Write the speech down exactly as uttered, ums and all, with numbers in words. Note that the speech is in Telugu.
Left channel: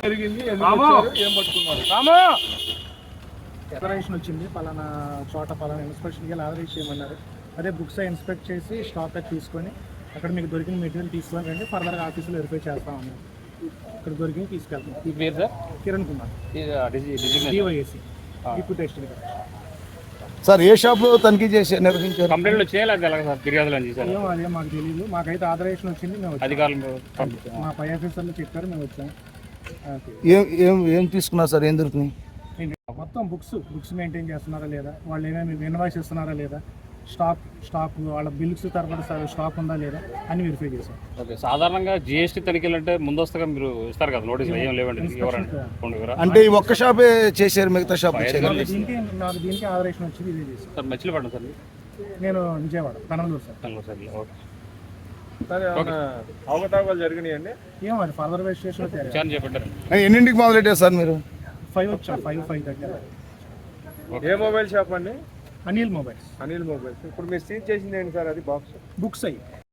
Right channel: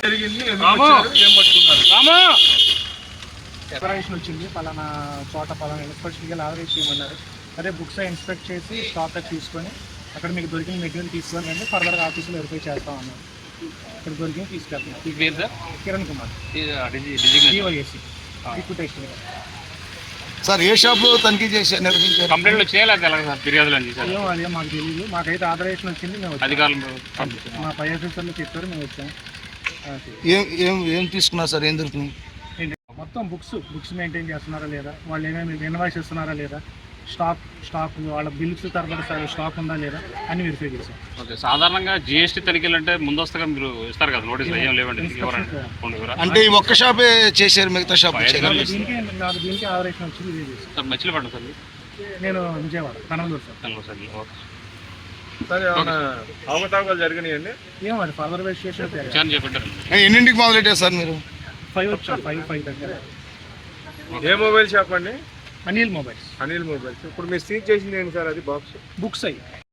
ఎక్స్ప్రెషన్ వచ్చింది పలానా చోట పలానా ఇన్స్పెక్షన్కి వెళ్ళి ఆర్డర్ చేయమన్నారు. అదే బుక్స్ ఇన్స్పెక్ట్ చేసి స్టాక్ తీసుకొని అక్కడ మీకు దొరికిన మెటీరియల్ తీసుకొని వెళ్ళి ఫర్దర్గా ఆఫీస్లో వెరిఫై చేస్తాం అన్నారు. ఇక్కడ దొరికింది తీసుకెళ్తాం. కిరణ్ కుమార్ డివైఎస్సి రిక్రూటేషన్. సార్ ఏ షాప్లో తనిఖీ చేసి నిర్వహించారు? కంప్లైంట్ వచ్చేయాలి సార్, ఫిర్యాదులు ఏమో అదే మాకు తెలియదు. మాకైతే ఆర్డరేషన్ వచ్చింది, మేము అధికారులు మా పై ఆఫీసర్లు చెప్పారు, మేము వచ్చాము. ఏం ఏం ఏం తీసుకున్నారు సార్? ఏం దొరికినాయి? మొత్తం బుక్స్ బుక్స్ మెయింటైన్ చేస్తున్నారా లేదా, వాళ్ళు ఏమైనా ఇన్వాయిస్ ఇస్తున్నారా లేదా, స్టాక్ స్టాక్ వాళ్ళ బిల్స్ తరబడి స్టాక్ ఉందా లేదా అని వెరిఫై చేసాం. ఓకే, సాధారణంగా జిఎస్టీ తనిఖీలు అంటే ముందస్తుగా మీరు ఇస్తారు కదా నోటీసులు, ఏం లేవండి? అంటే ఈ ఒక్క షాపే చేశారు, మిగతా షాప్ దీనికి నాకు దీనికి ఆపరేషన్ వచ్చింది ఇది చేసాం. సార్ మచిలీపట్నం సార్, నేను Vijayawada Kanavaluru sir. Kanavaluru sir. Okay, అవకతవకలు జరిగినాయండి. ఏమో అది ఫర్దర్ వెరిఫికేషన్ విచారణ చేపట్టారు. ఎన్నింటికి మొదలెట్టారు సార్ మీరు? ఫైవ్ వచ్చా ఫైవ్ ఫైవ్ దగ్గర. ఏ మొబైల్ షాప్ అండి? అనిల్ మొబైల్స్. అనిల్ మొబైల్స్. ఇప్పుడు మీరు సీజ్ చేసింది ఏంటి సార్? అది బాక్స్ బుక్స్ అయ్యి